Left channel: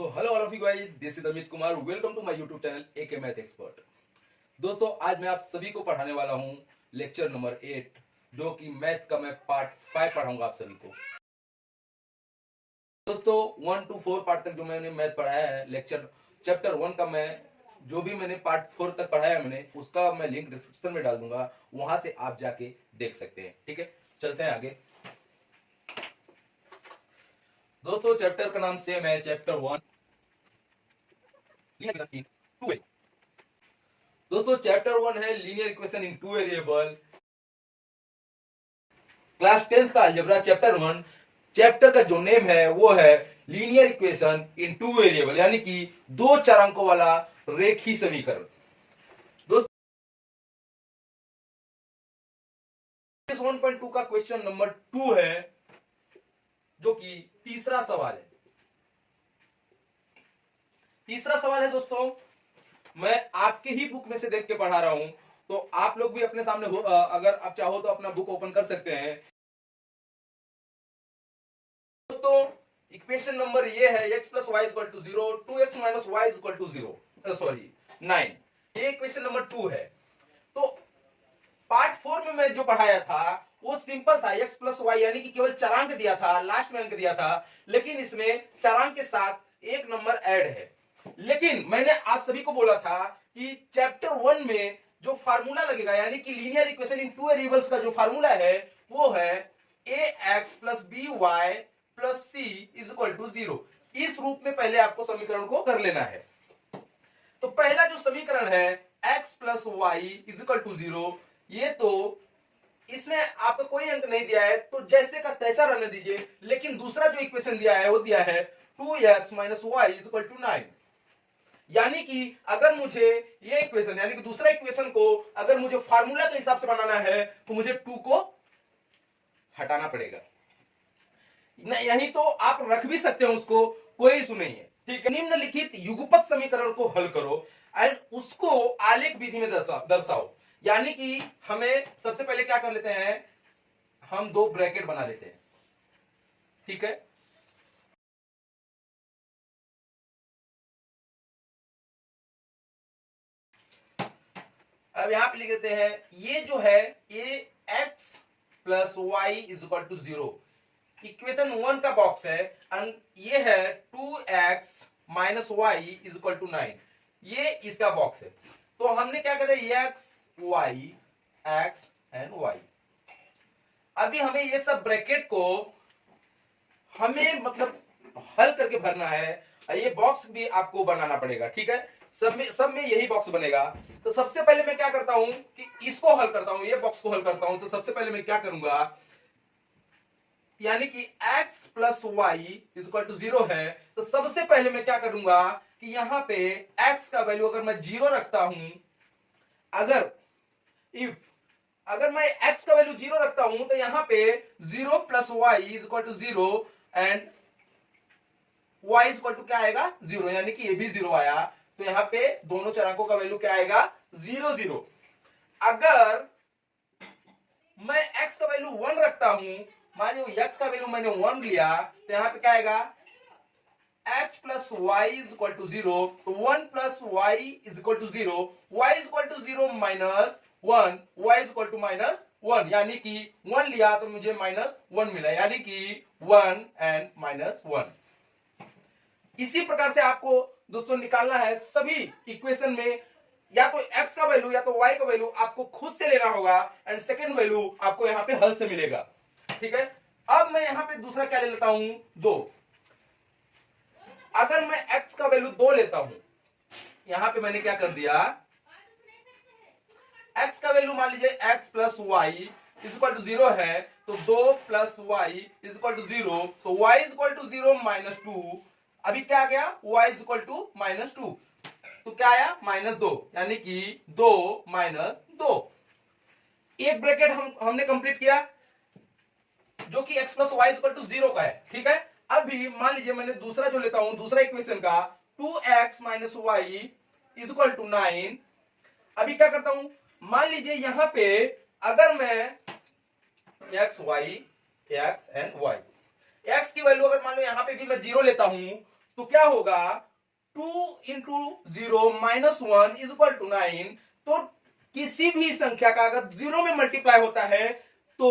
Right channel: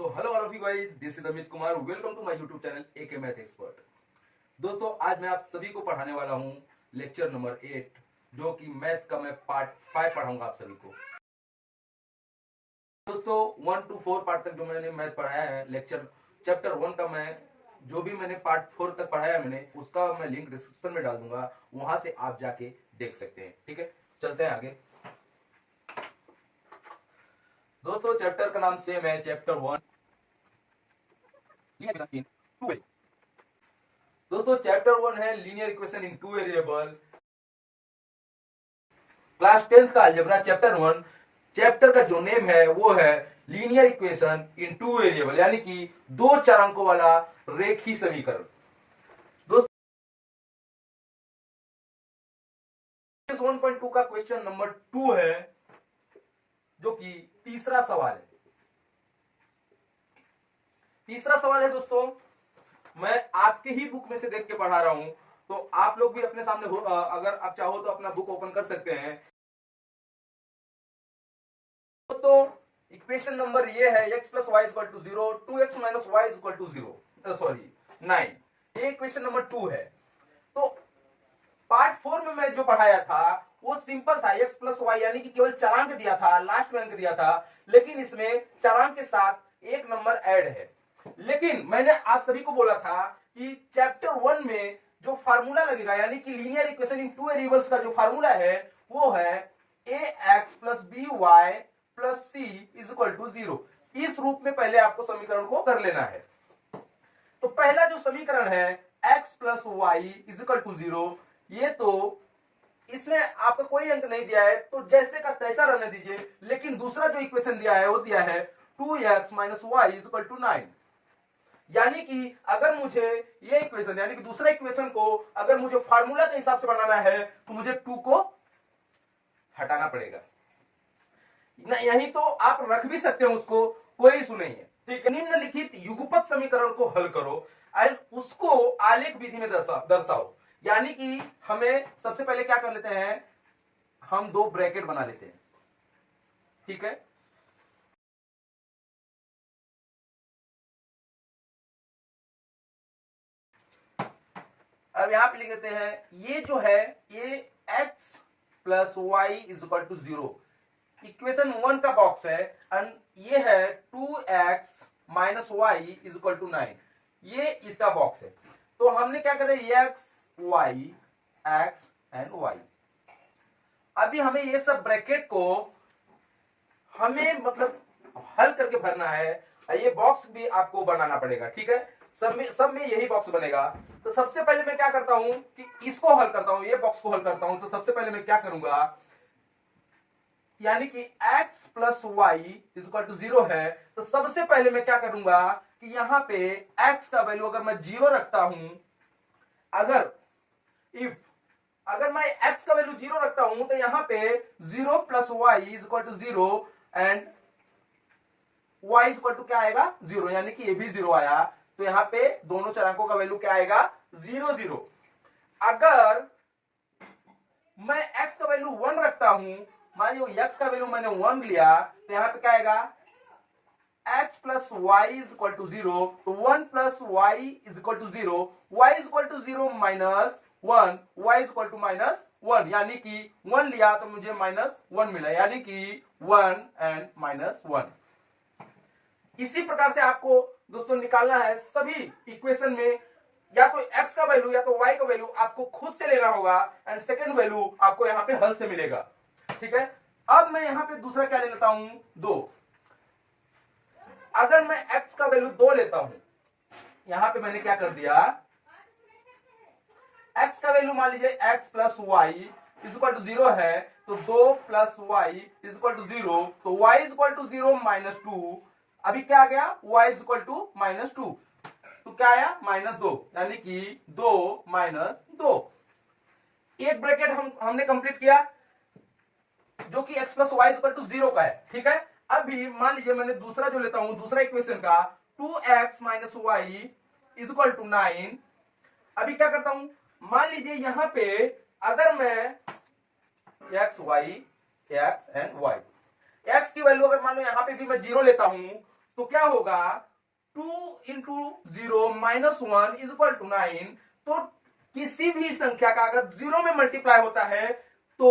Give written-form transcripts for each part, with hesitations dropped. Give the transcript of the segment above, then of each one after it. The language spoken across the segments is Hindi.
So hello all of you guys, this is Amit Kumar. Welcome to my YouTube channel AK math expert. दोस्तों, आज मैं आप सभी को पढ़ाने वाला हूं लेक्चर नंबर 8, जो कि मैथ का मैं पार्ट 5 पढ़ाऊंगा आप सभी को। दोस्तों, 1 to 4 पार्ट तक जो मैंने मैथ पढ़ाया है, लेक्चर चैप्टर 1 का मैं जो भी मैंने पार्ट 4 तक पढ़ाया मैंने, उसका मैं लिंक डिस्क्रिप्शन में डाल दूंगा, वहां से आप जाके देख सकते हैं। ठीक है, चलते हैं आगे। दोस्तों, चैप्टर का नाम सेम है, चैप्टर 1। दोस्तों, चैप्टर 1 है linear equation in 2 variable, class 10th का अलजेब्रा चैप्टर 1। चैप्टर का जो नेम है वो है लीनियर इक्वेशन इन 2 वेरिएबल, यानी कि दो चरांकों वाला रेखीय समीकरण। दोस्तों, 1.2 का क्वेश्चन नंबर 2 है, जो कि तीसरा सवाल है। तीसरा सवाल है दोस्तों, मैं आपके ही बुक में से देख के पढ़ा रहा हूं, तो आप लोग भी अपने सामने अगर आप चाहो तो अपना बुक ओपन कर सकते हैं। दोस्तों, इक्वेशन नंबर ये है x plus y equal to 0, 2x minus y equal to 0, sorry 9। ये इक्वेशन नंबर 2 है। तो पार्ट 4 में मैं जो पढ़ाया था वो सिंपल था, x प्लस वाई, यानी कि केवल चरांक दिया था, लास्ट में अंक दिया था, लेकिन इसमें चरांक के साथ एक नंबर ऐड है। लेकिन मैंने आप सभी को बोला था कि चैप्टर 1 में जो फार्मूला लगेगा, यानी कि लीनियर इक्वेशन इन 2 वेरिएबल्स का जो फार्मूला है वो है ax plus b y plus c is equal to 0। इस रूप में पहले आपको समीकरण को कर लेना है। तो पहला जो समीकरण है x plus y is equal to 0, ये तो इसमें आपको कोई अंक नहीं दिया है, तो जैसे का तैसा रहने दीजिए। लेकिन दूसरा जो इक्वेशन दिया है वो दिया है 2x minus Y is equal to 9। यानी कि अगर मुझे ये इक्वेशन, यानी कि दूसरा इक्वेशन को अगर मुझे फार्मूला के हिसाब से बनाना है तो मुझे 2 को हटाना पड़ेगा। यही तो आप रख भी सकते हैं उसको, कोई इशू नहीं है। ठीक है, निम्नलिखित युगपत समीकरण को हल करो एंड उसको आलेख विधि में दर्शाओ। यानी कि हमें सबसे पहले क्या कर लेते हैं, हम दो ब्रैकेट बना लेते हैं। ठीक है, अब यहां पे लिख देते हैं, ये जो है ये x plus y is equal to 0 equation 1 का बॉक्स है, एंड ये है 2x minus Y is equal to 9, ये इसका बॉक्स है। तो हमने क्या करें, x एंड y। अभी हमें ये सब ब्रैकेट को हमें मतलब हल करके भरना है। ये बॉक्स भी आपको बनाना पड़ेगा। ठीक है, सब में यही बॉक्स बनेगा। तो सबसे पहले मैं क्या करता हूं कि इसको हल करता हूं, ये बॉक्स को हल करता हूं। तो सबसे पहले मैं क्या करूंगा, यानी कि x plus y is equal to 0 है, तो सबसे पहले मैं क्या करूंगा कि यहां पे x का वैल्यू अगर मैं 0 रखता हूं, अगर मैं x का वैल्यू 0 रखता हूं, तो यहां पे 0 plus y is equal to 0 and y is equal to क्या आएगा, 0, यानी कि ये भी 0 आया। तो यहां पे दोनों चरांकों का वैल्यू क्या आएगा, 0 0। अगर मैं x का वैल्यू 1 रखता हूं, मान लो x का वैल्यू मैंने 1 लिया, तो यहां पे क्या आएगा, x plus y is equal to 0, तो 1 plus y is equal to 0, y is equal to 0 minus 1, y is equal to minus 1, यानी कि 1 लिया तो मुझे माइनस 1 मिला, यानी कि 1 एंड माइनस 1। इसी प्रकार से आपको दोस्तों निकालना है सभी इक्वेशन में, या तो x का वैल्यू या तो y का वैल्यू आपको खुद से लेना होगा, एंड सेकंड वैल्यू आपको यहां पे हल से मिलेगा। ठीक है, अब मैं यहां पे दूसरा क्या ले लेता हूं, 2। अगर मैं x का वैल्यू 2 लेता हूं, यहां पे मैंने क्या कर दिया, x का वैल्यू मान लीजिए x plus y is equal to 0 है, तो 2 plus y is equal to 0, तो y is equal to 0 minus 2। अभी क्या आ गया, y is equal to minus 2, तो क्या आया, माइनस 2, यानी कि 2 माइनस 2। एक ब्रैकेट हमने कंप्लीट किया, जो कि x plus y equal to 0 का है। ठीक है, अभी मान लीजिए मैंने दूसरा जो लेता हूं, दूसरा इक्वेशन का 2x minus Y is equal to 9। अभी क्या करता हूं, मान लीजिए यहां पे अगर मैं x एंड y, x की वैल्यू अगर मान लो यहां पे भी मैं 0 लेता हूं, तो क्या होगा 2 into 0 minus 1 is equal to 9। तो किसी भी संख्या का अगर 0 में मल्टीप्लाई होता है तो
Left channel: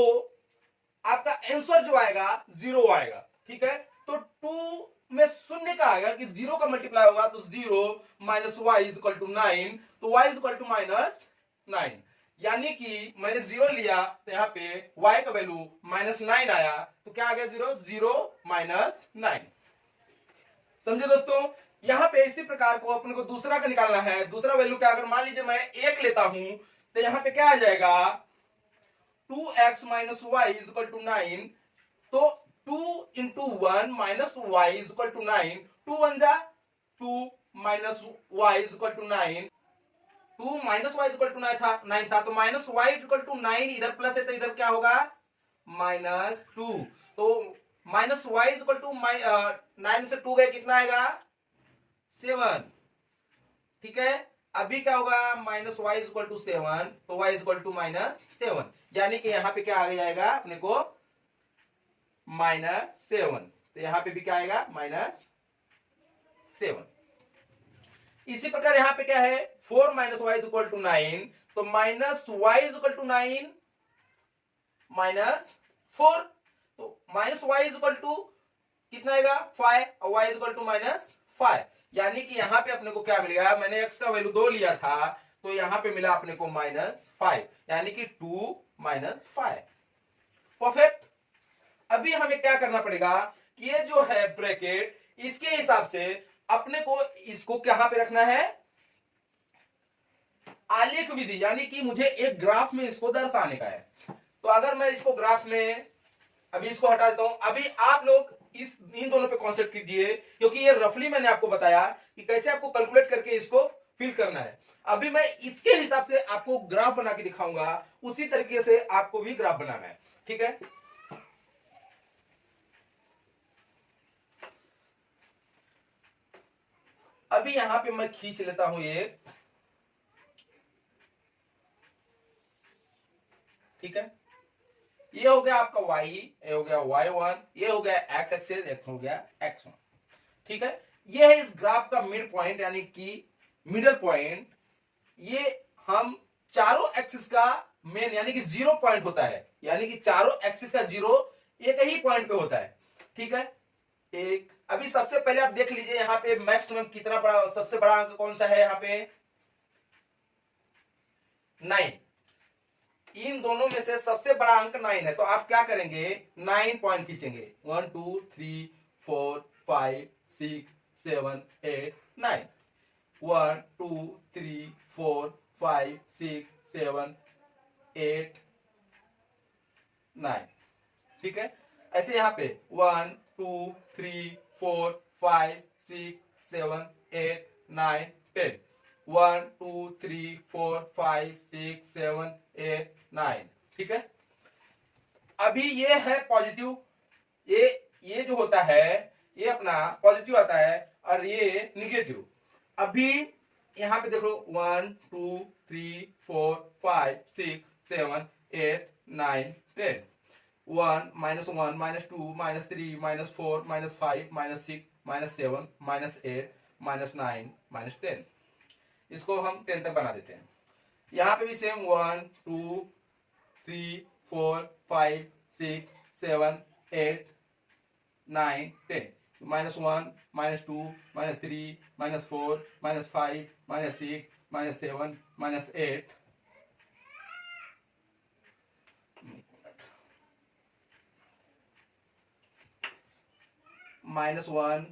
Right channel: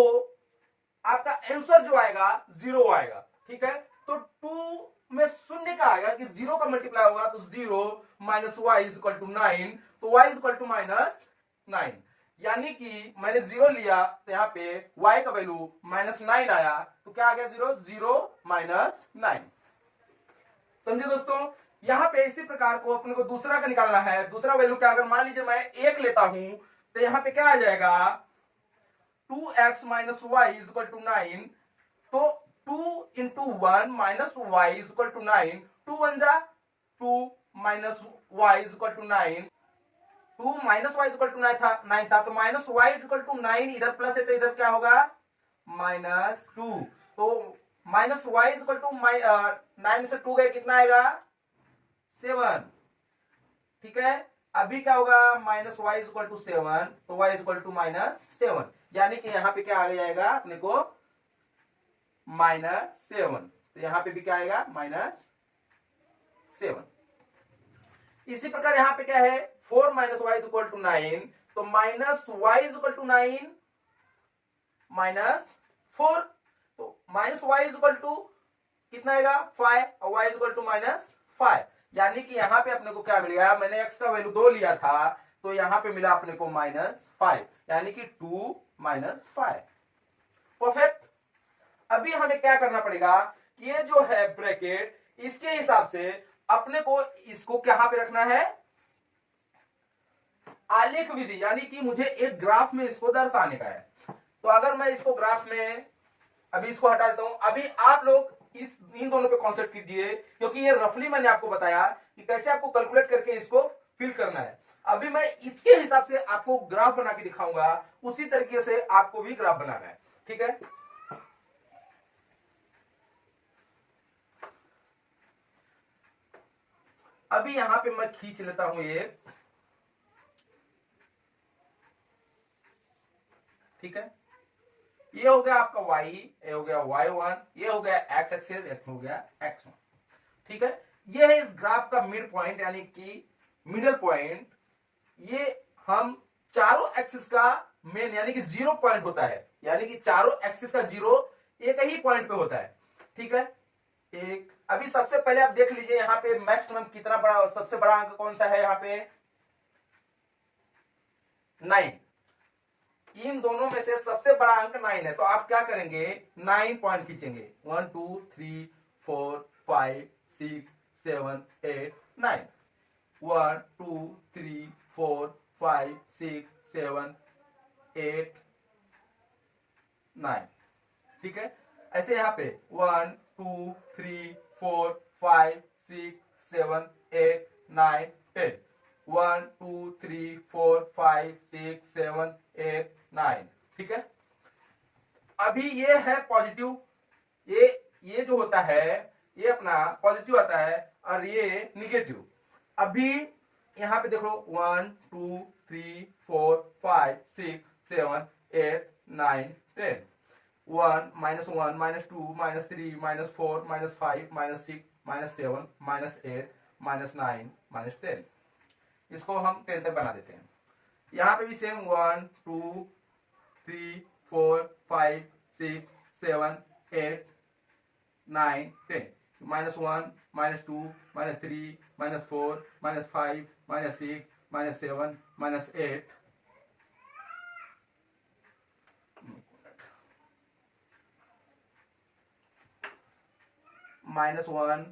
आपका आंसर जो आएगा 0 आएगा। ठीक है, तो 2 में शून्य का आएगा कि 0 का मल्टीप्लाई होगा तो 0 minus Y is equal to 9, तो y is equal to minus 9। यानी कि मैंने 0 लिया तो यहाँ पे y का वैल्यू माइनस 9 आया, तो क्या आ गया 0 0 माइनस 9। समझे दोस्तों? यहाँ पे इसी प्रकार को अपने को दूसरा का निकालना है। दूसरा वैल्यू क्या, अगर मान लीजिए मैं 1 लेता हूं तो यहाँ पे क्या आ जाएगा 2x minus Y is equal to 9। तो 2 into 1 minus Y is equal to 9। 2 1 जा 2 minus Y is equal to 9। 2 minus Y is equal to 9 था, तो minus Y is equal to 9 इधर प्लस है तो इधर क्या होगा माइनस 2। तो minus Y is equal to 9 से 2 गए कितना आएगा 7। ठीक है, अभी क्या होगा minus Y is equal to 7, तो y is equal to minus 7। यानी कि यहां पे क्या आ जाएगा अपने को माइनस 7। तो यहां पे भी क्या आएगा माइनस 7। इसी प्रकार यहां पे क्या है 4 minus Y is equal to 9, तो minus Y is equal to 9 minus 4। तो minus Y is equal to कितना आएगा 5 और y is equal to minus 5। यानी कि यहां पे अपने को क्या मिल गया, मैंने x का वैल्यू 2 लिया था तो यहां पे मिला अपने को माइनस 5, यानी कि 2 माइनस 5। परफेक्ट। अभी हमें क्या करना पड़ेगा कि ये जो है ब्रैकेट इसके हिसाब से अपने को इसको कहां पे रखना है आलेख विधि, यानी कि मुझे एक ग्राफ में इसको दर्शाने का है। तो अगर मैं इसको ग्राफ में अभी इसको हटा देता हूं, अभी आप लोग इन दोनों पे कॉन्सेंट्रेट कीजिए क्योंकि ये रफली मैंने आपको बताया कि कैसे आपको कैलकुलेट करके इसको फिल करना है। अभी मैं इसके हिसाब से आपको ग्राफ बना के दिखाऊंगा, उसी तरीके से आपको भी ग्राफ बनाना है। ठीक है, अभी यहां पे मैं खींच लेता हूं एक। ठीक है, ये हो गया आपका y, ये हो गया y1, ये हो गया x एक्सिस, एक हो गया x1। ठीक है, ये है इस ग्राफ का मिड पॉइंट यानी कि मिडल पॉइंट। ये हम चारों एक्सिस का मेन यानी कि 0 पॉइंट होता है, यानी कि चारों एक्सिस का 0 एक ही पॉइंट पे होता है। ठीक है, एक अभी सबसे पहले आप देख लीजिए यहाँ पे मैक्सिमम कितना बड़ा, सबसे बड़ा अंक कौन सा है यहाँ पे 9। इन दोनों में से सबसे बड़ा अंक 9 है, तो आप क्या करेंगे 9 पॉइंट खींचेंगे 1 2 3 4 5 6 7 8 9। 1 2 3 4 5 6 7 8 9। ठीक है, ऐसे यहां पे 1 2 3 4 5 6 7 8 9 10। 1 2 3 4 5 6 7 8 9। ठीक है, अभी ये है पॉजिटिव, ये जो होता है ये अपना पॉजिटिव आता है और ये निगेटिव। अभी यहां पे देखो 1 2 3 4 5 6 7 8 9 10। 1 -1 -2 -3 -4 -5 -6 -7 -8 -9 -10। इसको हम 10 तक बना देते हैं। यहां पे भी सेम 1 2 3 4 5 6 7 8 9 10। -1 -2 -3 -4 -5 -6 -7 -8 -1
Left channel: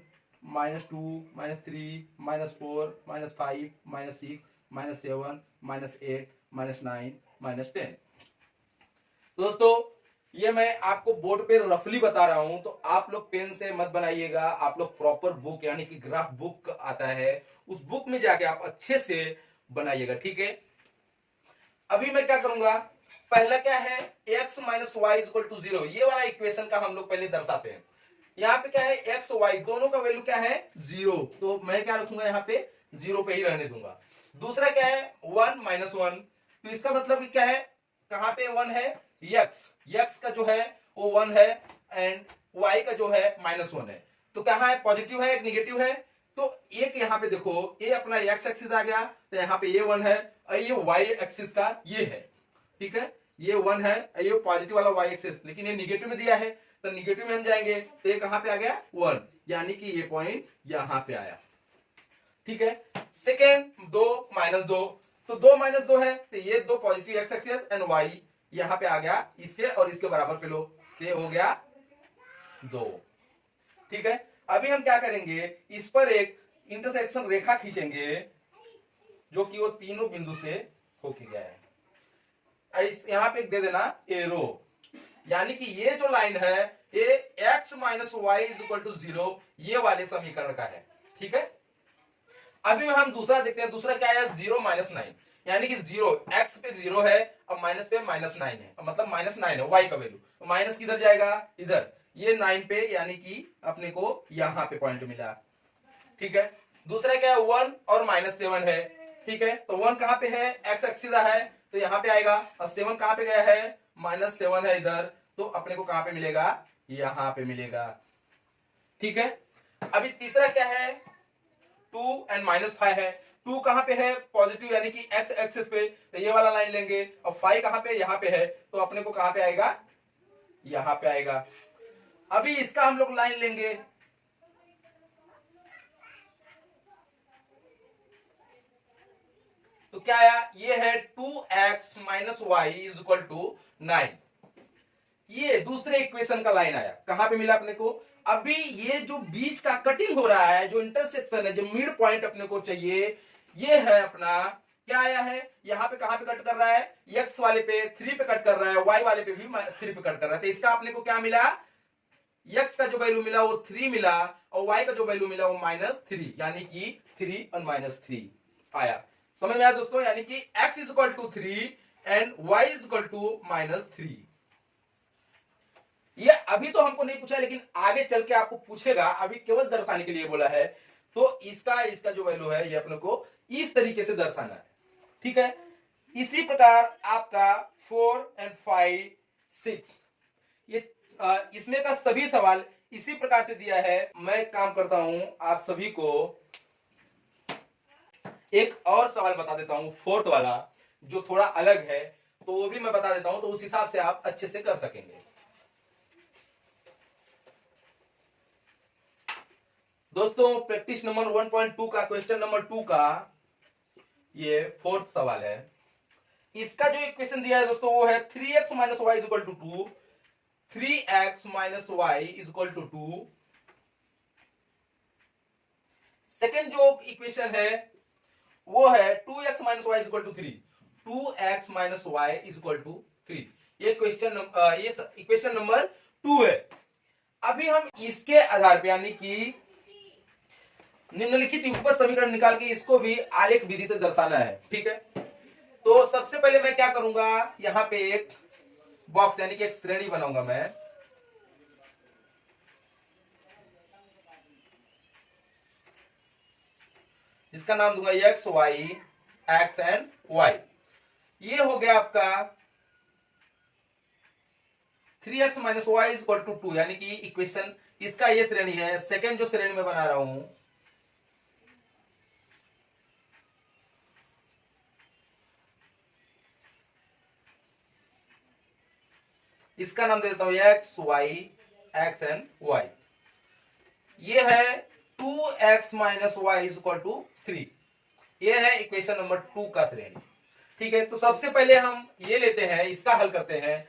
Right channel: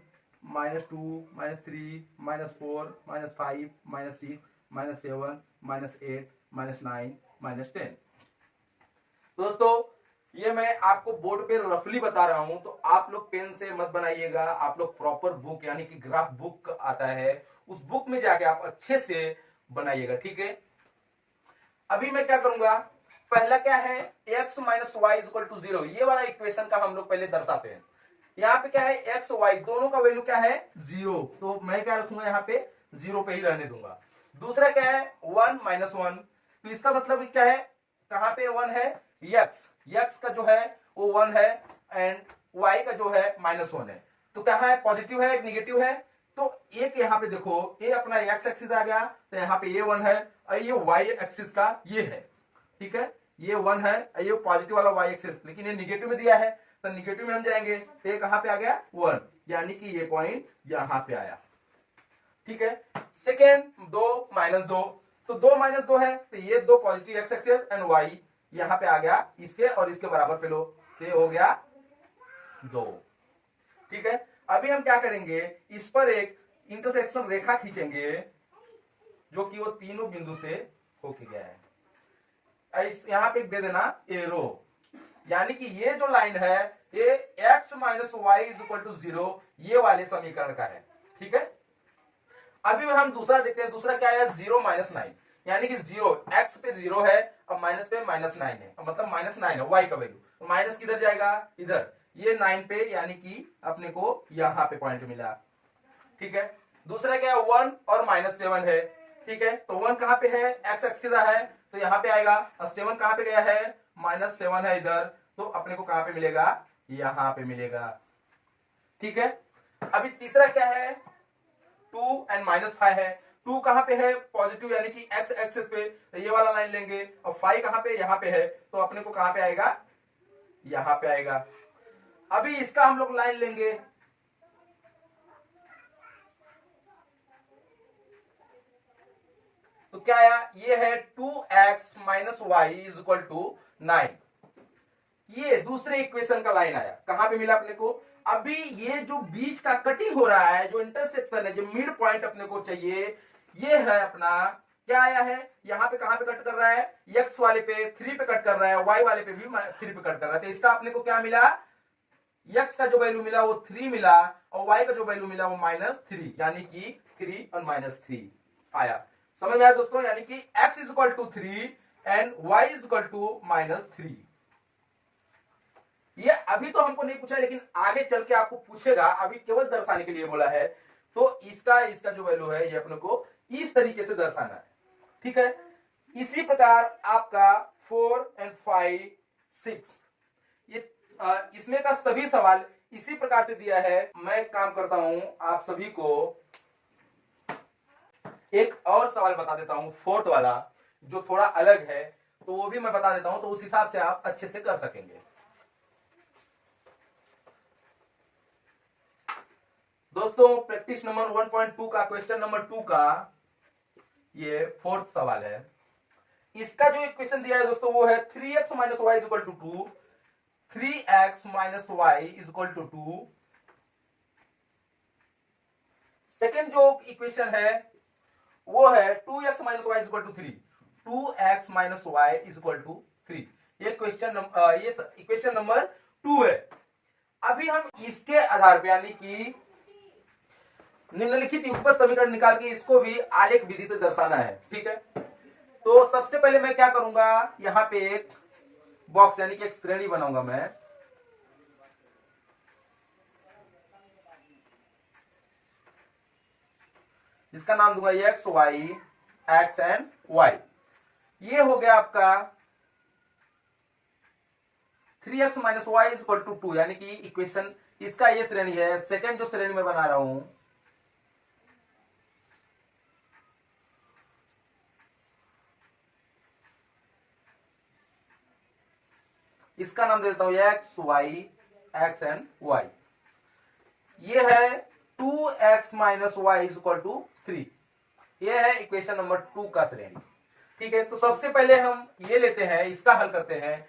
-2 -3 -4 -5 -6 -7 -8 -9 -10। दोस्तों ये मैं आपको बोर्ड पे रफली बता रहा हूं, तो आप लोग पेन से मत बनाइएगा, आप लोग प्रॉपर बुक यानी कि ग्राफ बुक आता है उस बुक में जाके आप अच्छे से बनाइएगा। ठीक है, अभी मैं क्या करूंगा, पहला क्या है x minus Y is equal to 0, ये वाला इक्वेशन का हम लोग पहले दर्शाते हैं। यहाँ पे क्या है x y दोनों का वैल्यू क्या है 0, तो मैं क्या रखूंगा यहाँ पे 0 पे ही रहने दूंगा। दूसरा क्या है 1 माइनस 1, तो इसका मतलब क्या है कहां पे 1 है x का जो है वो 1 है एंड y का जो है -1 है। तो कहाँ है, पॉजिटिव है, एक निगेटिव है। तो एक यहाँ पे देखो, ये अपना एक्स एक्सिस आ गया, तो यहाँ पे ये 1 है, और ये वाई एक्सिस का ये है, ठीक है, ये 1 है, ये पॉजिटिव वाला वाई एक्सिस, लेकिन ये निगेटिव में दिया है, तो निगेटिव में हम जाएंगे, तो ये कहाँ पे आ गया 1, यानी कि ये पॉइंट यहाँ पे आया, ठीक है। सेकेंड 2 -2, तो 2 -2 है, तो ये 2 positive x axis and y यहाँ पे आ गया, इसके और इसके बराबर पे लो, तो ये हो गया 2, ठीक है। अभी हम क्या करेंगे, इस पर एक इंटरसेक्शन रेखा खींचेंगे जो कि वो तीनों बिंदु से होके गया है। इस यहां पे दे देना एरो, यानी कि ये जो लाइन है ये x - y = 0 ये वाले समीकरण का है, ठीक है। अभी हम दूसरा देखते हैं, दूसरा क्या है, 0 - 9, यानी कि 0 x पे 0 है और माइनस पे -9 है, मतलब -9 है y का वैल्यू, तो माइनस किधर जाएगा, इधर, ये 9 पे, यानी कि अपने को यहां पे पॉइंट मिला, ठीक है। दूसरा क्या है, 1 और -7 है, ठीक है। तो 1 कहां पे है, x एक्सिस है, तो यहां पे आएगा, और 7 कहां पे गया है, -7 है इधर, तो अपने को कहां पे मिलेगा, यहां पे मिलेगा, ठीक है। अभी तीसरा क्या है, 2 एंड -5 है, 2 कहां पे है, पॉजिटिव, यानी कि x एक्सिस पे, तो ये वाला लाइन लेंगे, और 5 कहां पे, यहां पे है, तो अपने को कहां पे आएगा, यहां पे आएगा। अभी इसका हम लोग लाइन लेंगे, तो क्या आया, ये है 2x - y = 9, ये दूसरे इक्वेशन का लाइन आया, कहां पे मिला अपने को। अभी ये जो बीच का कटिंग हो रहा है, जो इंटरसेक्शन है, जो मिड पॉइंट अपने को चाहिए, ये है अपना, क्या आया है, यहाँ पे कहां पे कट कर रहा है, x वाले पे 3 पे कट कर रहा है, y वाले पे भी 3 पे कट कर रहा है, तो इसका अपने को क्या मिला, x का जो वैल्यू मिला वो 3 मिला, और y का जो वैल्यू मिला वो -3, यानी कि 3 और -3 आया। समझ में आया दोस्तों, यानी कि x = 3 एंड y = -3। ये अभी तो हमको नहीं पूछा, लेकिन आगे चल के आपको पूछेगा, अभी केवल दर्शाने के लिए बोला है, तो इसका जो वैल्यू है, ये अपने को इस तरीके से दर्शाना है, ठीक है। इसी प्रकार आपका 4 एंड 5 6, ये इसमें का सभी सवाल इसी प्रकार से दिया है। मैं काम करता हूं, आप सभी को एक और सवाल बता देता हूं, 4th वाला, जो थोड़ा अलग है, तो वो भी मैं बता देता हूं, तो उस हिसाब से आप अच्छे से कर सकेंगे। दोस्तों प्रैक्टिस नंबर 1.2 का क्वेश्चन नंबर 2 का ये 4th सवाल है। इसका जो इक्वेशन दिया है दोस्तों वो है 3x - y = 2, 3x - y = 2। Second जो इक्वेशन है वो है 2x - y = 3, 2x - y = 3। ये इक्वेशन नंबर 2 है। अभी हम इसके आधार पे, यानी कि निम्नलिखित युगपत समीकरण निकाल के इसको भी आलेख विधि से दर्शाना है, ठीक है। तो सबसे पहले मैं क्या करूंगा, यहां पे एक बॉक्स, यानी कि एक श्रेणी बनाऊंगा मैं, जिसका नाम दूंगा x y, x and y। ये हो गया आपका 3x - y = 2, यानी कि इक्वेशन, इसका ये श्रेणी है। सेकेंड जो श्रेणी में बना रहा हूं, इसका नाम दे देता हूं x y, x and y। ये है 2x - y = 3, ये है इक्वेशन नंबर 2 का श्रेणी, ठीक है। तो सबसे पहले हम ये लेते हैं, इसका हल करते हैं।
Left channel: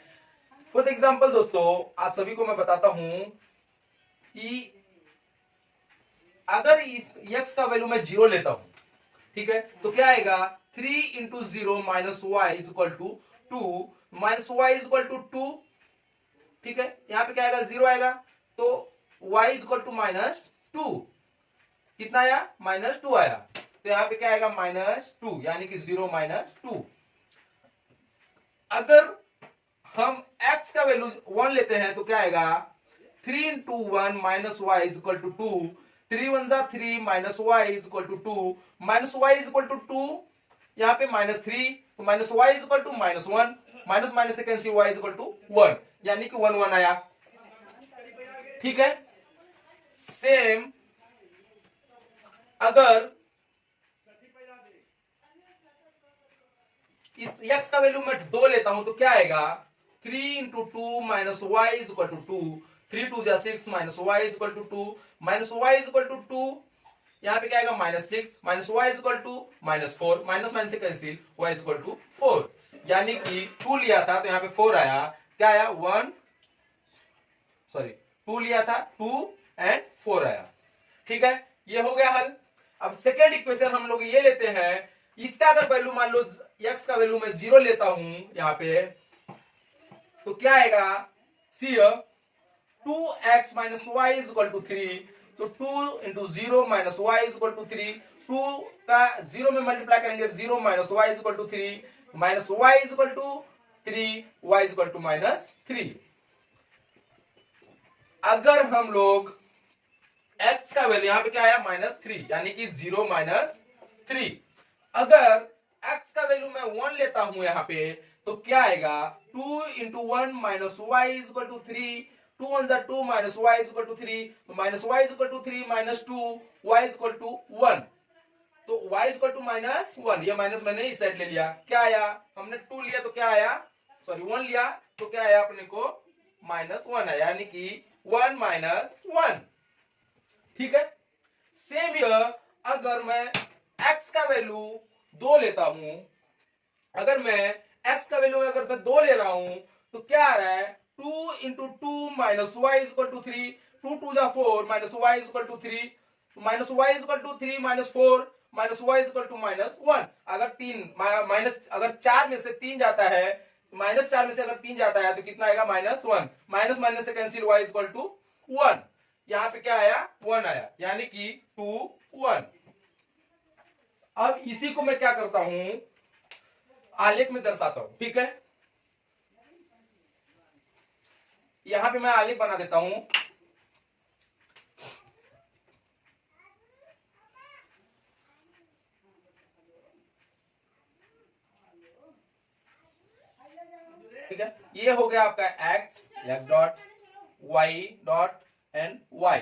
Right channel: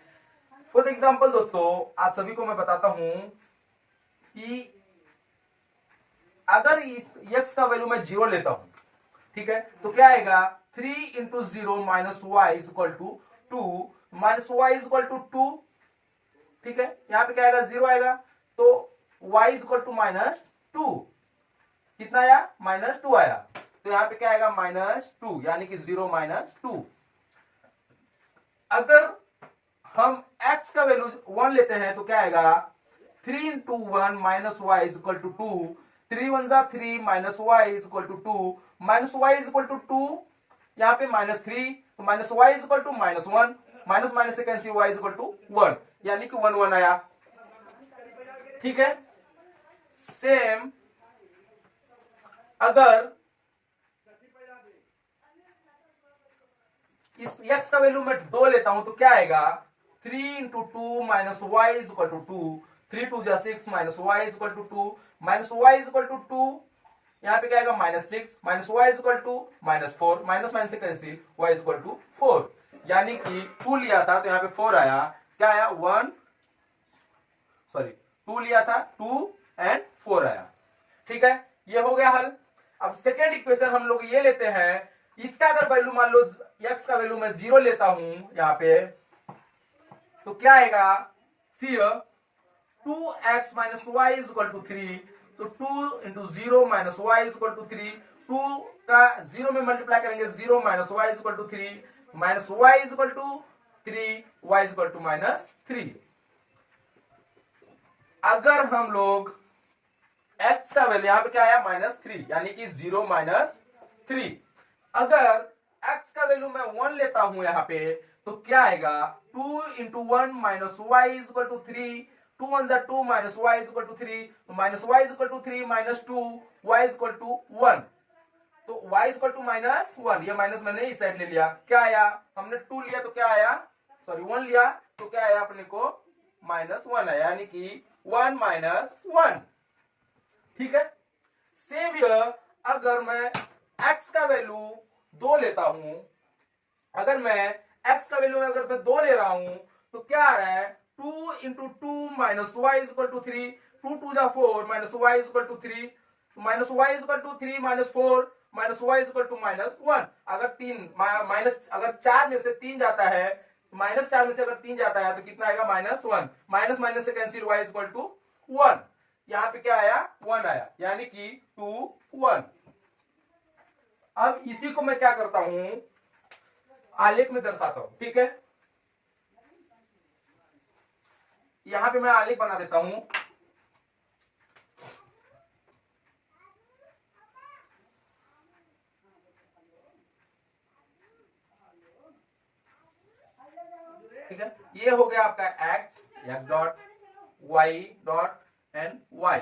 फॉर एग्जांपल दोस्तों, आप सभी को मैं बताता हूं कि अगर x का वैल्यू मैं 0 लेता हूं, ठीक है, तो क्या आएगा, 3 × 0 - y = 2, -y = 2, ठीक है। यहां पे क्या आएगा, 0 आएगा, तो y = -2, कितना आया, -2 आया, तो यहां पे क्या आएगा, -2, यानी कि 0 - 2। अगर हम x का वैल्यू 1 लेते हैं तो क्या आएगा, 3 × 1 - y = 2, 3 1 जा 3, -y = 2, -y = 2, यहाँ पे -3, तो -y = -1, माइनस से कैंसिल, y = 1, यानी कि 1 1 आया, ठीक है। सेम अगर इस x का वैल्यू मैं 2 लेता हूं तो क्या आएगा, 3 into two minus Y is equal to 2, 3 2 जा 6 minus Y is equal to 2, minus Y is equal to 2, यहाँ पे क्या आएगा minus 6 minus Y is equal to minus 4, minus minus से cancel, Y is equal to 4, यानी कि 2 लिया था तो यहाँ पे 4 आया, क्या आया 1 सॉरी 2 लिया था 2 एंड 4 आया। ठीक है, ये हो गया हल। अब सेकेंड इक्वेशन हम लोग ये लेते हैं, इसका अगर वैल्यू मान लो x का वैल्यू मैं 0 लेता हूं यहां पे, तो क्या आएगा, see 2x minus Y is equal to 3, तो 2 into 0 minus Y is equal to 3, 2 का 0 में मल्टीप्लाई करेंगे 0 minus Y is equal to 3, minus Y is equal to 3, y is equal to minus 3। अगर हम लोग x का वैल्यू यहां पे क्या आया -3, यानी कि 0 माइनस 3, अगर x का वैल्यू मैं 1 लेता हूं यहां पे तो क्या आएगा, 2 into 1 minus Y is equal to 3, 2 1 जा 2 minus Y is equal to 3, minus Y is equal to 3 minus 2, y is equal to 1, तो y is equal to minus 1, ये माइनस मैंने इस साइड ले लिया, क्या आया, हमने 2 लिया तो क्या आया, सॉरी 1 लिया तो क्या आया अपने को -1 आया, यानी कि 1 माइनस 1। ठीक है, सेम हियर अगर मैं x का वैल्यू 2 लेता हूं, अगर मैं x का वैल्यू अगर मैं 2 ले रहा हूं तो क्या आ रहा है, 2 into 2 minus Y is equal to 3, 2 2 जा 4 minus Y is equal to 3, minus Y is equal to 3 minus 4 minus Y is equal to -1। अगर 3 माइनस अगर 4 में से 3 जाता है, -4 में से अगर 3 जाता है तो कितना आएगा -1, माइनस माइनस से cancel, Y is equal to 1, यहां पे क्या आया 1 आया, यानी कि 2 1। अब इसी को मैं क्या करता हूं, आलेख में दर्शाता हूं। ठीक है, यहां पे मैं आलेख बना देता हूं, ठीक है, ये हो गया आपका x dot y dot and y।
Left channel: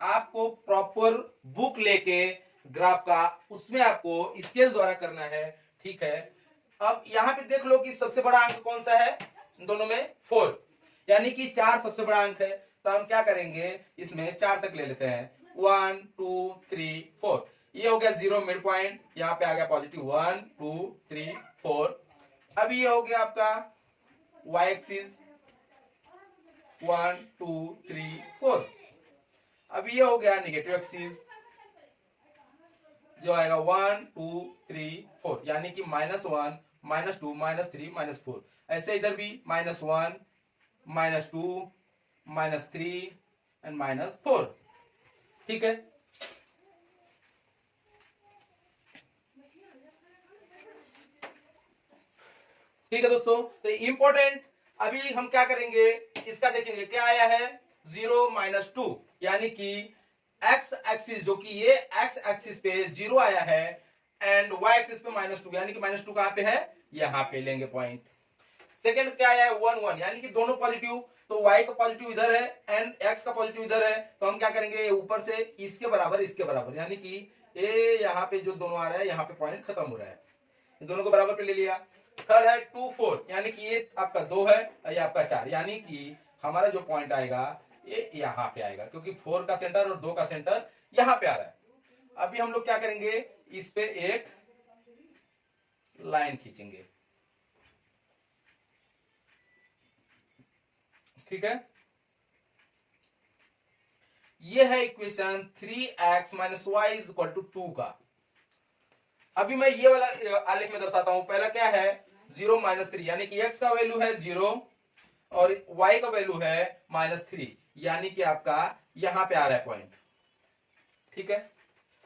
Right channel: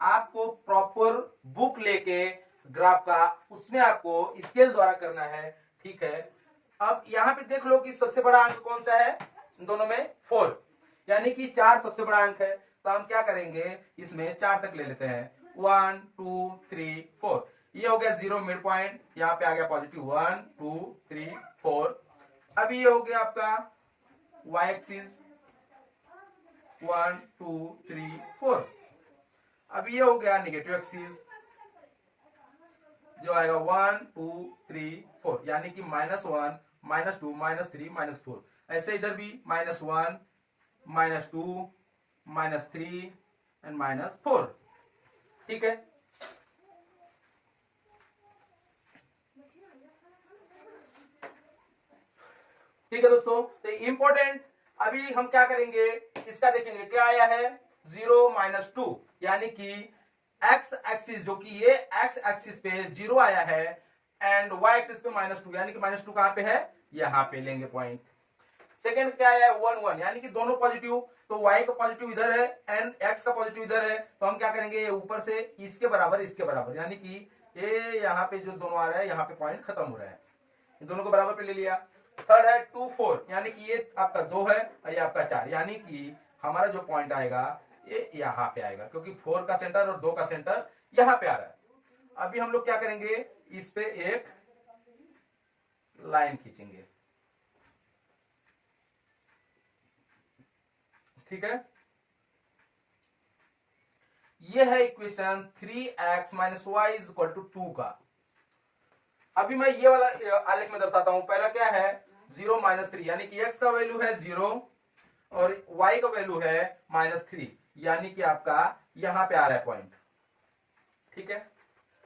आपको प्रॉपर बुक लेके ग्राफ का उसमें आपको स्केल द्वारा करना है। ठीक है, अब यहां पे देख लो कि सबसे बड़ा अंक कौन सा है, दोनों में 4, यानी कि 4 सबसे बड़ा अंक है, तो हम क्या करेंगे इसमें 4 तक ले लेते हैं, 1 2 3 4, ये हो गया 0 मिड पॉइंट, यहाँ पे आ गया पॉजिटिव 1 2 3 4। अब ये हो गया आपका y एक्सिस 1 2 3 4। अब ये हो गया नेगेटिव एक्सिस जो आएगा 1 2 3 4, यानी कि -1 -2 -3 -4। ऐसे इधर भी -1 -2 -3 एंड -4। ठीक है, ठीक है दोस्तों, तो इंपॉर्टेंट अभी हम क्या करेंगे, इसका देखेंगे क्या आया है 0 - 2, यानी कि x एक्सिस जो कि ये x एक्सिस पे 0 आया है एंड y एक्सिस पे -2, यानी कि -2 कहां पे है, यहां पे लेंगे पॉइंट। सेकंड क्या आया 1 1, यानी कि दोनों पॉजिटिव, तो y का पॉजिटिव इधर है एंड x का पॉजिटिव इधर है, तो हम क्या करेंगे ऊपर से इसके बराबर, यानी कि ये यहाँ पे जो दोनों आ रहा है यहाँ पे पॉइंट खत्म हो रहा है, दोनों को बराबर पे ले लिया। थर्ड है 2 4, यानी कि ये आपका 2 है और ये आपका 4, यानी कि हमारा जो पॉइंट आएगा ये यहाँ पे आएगा, क्योंकि 4 का सेंटर और 2 का सेंटर यहाँ पे आ रहा है। अभी हम लोग क्या करेंगे, इस पे एक लाइन खींचेंगे। ठीक है, ये है equation 3x minus Y is equal to 2 का। अभी मैं ये वाला आलेख में दर्शाता हूं। पहला क्या है 0 -3, यानी कि x का वैल्यू है 0 और y का वैल्यू है -3, यानी कि आपका यहां पे आ रहा है पॉइंट। ठीक है,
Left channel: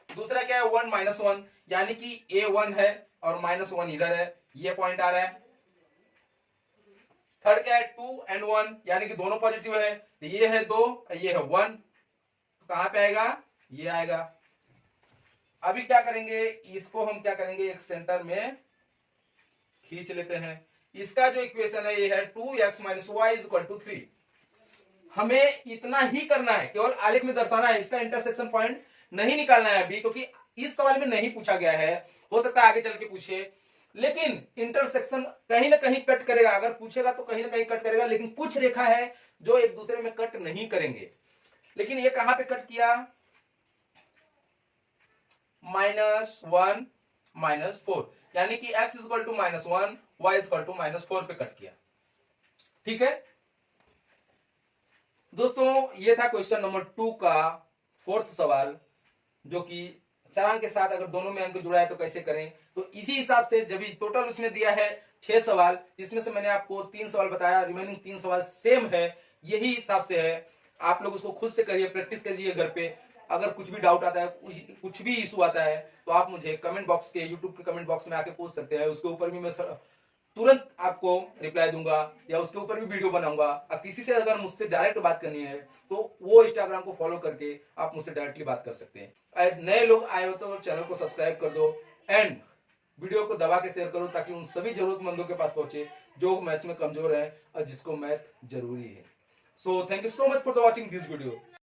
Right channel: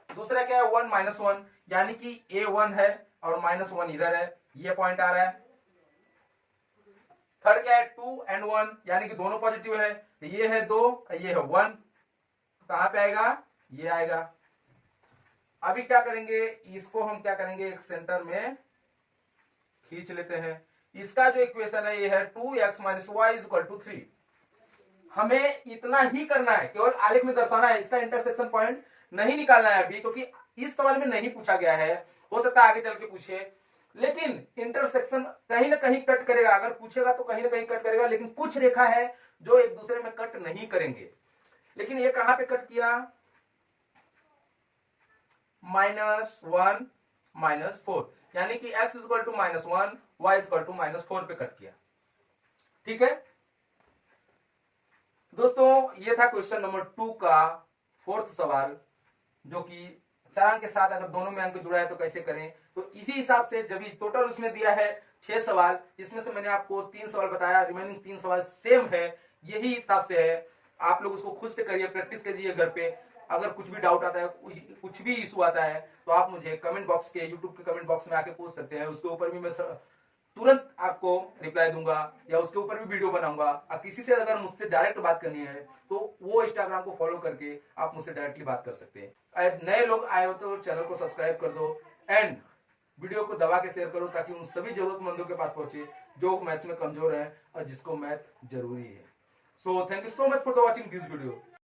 दूसरा क्या है 1 -1, यानी कि a1 है और -1 इधर है, ये पॉइंट आ रहा है। थर्ड क्या है 2 एंड 1, यानी कि दोनों पॉजिटिव है, तो ये है 2 ये है 1, तो कहां पे आएगा, ये आएगा। अभी क्या करेंगे, इसको हम क्या करेंगे एक सेंटर में खींच लेते हैं। इसका जो इक्वेशन है ये है 2x - y is equal to 3। हमें इतना ही करना है, केवल आलेख में दर्शाना है, इसका इंटरसेक्शन पॉइंट नहीं निकालना है अभी, क्योंकि इस सवाल में नहीं पूछा गया है, हो सकता है आगे चल के पूछे, लेकिन इंटरसेक्शन कहीं ना कहीं कट करेगा, अगर पूछेगा तो कहीं ना कहीं कट करेगा, लेकिन कुछ रेखा है जो एक दूसरे में कट नहीं करेंगे। लेकिन ये कहां पे कट किया, -1 -4, यानी कि x equal to -1 y equal to -4 पे कट किया। ठीक है दोस्तों, ये था क्वेश्चन नंबर 2 का 4th सवाल, जो कि चालान के साथ अगर दोनों में अंक जुड़ा है तो कैसे करें। तो इसी हिसाब से जब टोटल उसमें दिया है 6 सवाल, इसमें से मैंने आपको 3 सवाल बताया, रिमेनिंग 3 सवाल सेम है, यही हिसाब से है। आप लोग उसको खुद से करिए, प्रैक्टिस करिए घर पे। अगर कुछ भी डाउट आता है, कुछ भी इशू आता है, तो आप मुझे कमेंट बॉक्स के, यूट्यूब के कमेंट बॉक्स में आके पूछ सकते हैं, उसके ऊपर भी मैं तुरंत आपको रिप्लाई दूंगा, या उसके ऊपर भी वीडियो बनाऊंगा। और किसी से अगर मुझसे डायरेक्ट बात करनी है तो वो इंस्टाग्राम को फॉलो करके आप मुझसे डायरेक्टली बात कर सकते हैं। नए लोग आए हो तो चैनल को सब्सक्राइब कर दो, एंड वीडियो को दबा के शेयर करो, ताकि उन सभी जरूरतमंदों के पास पहुंचे जो मैथ में कमजोर है और जिसको मैथ जरूरी है। So thank you so much for the watching this video.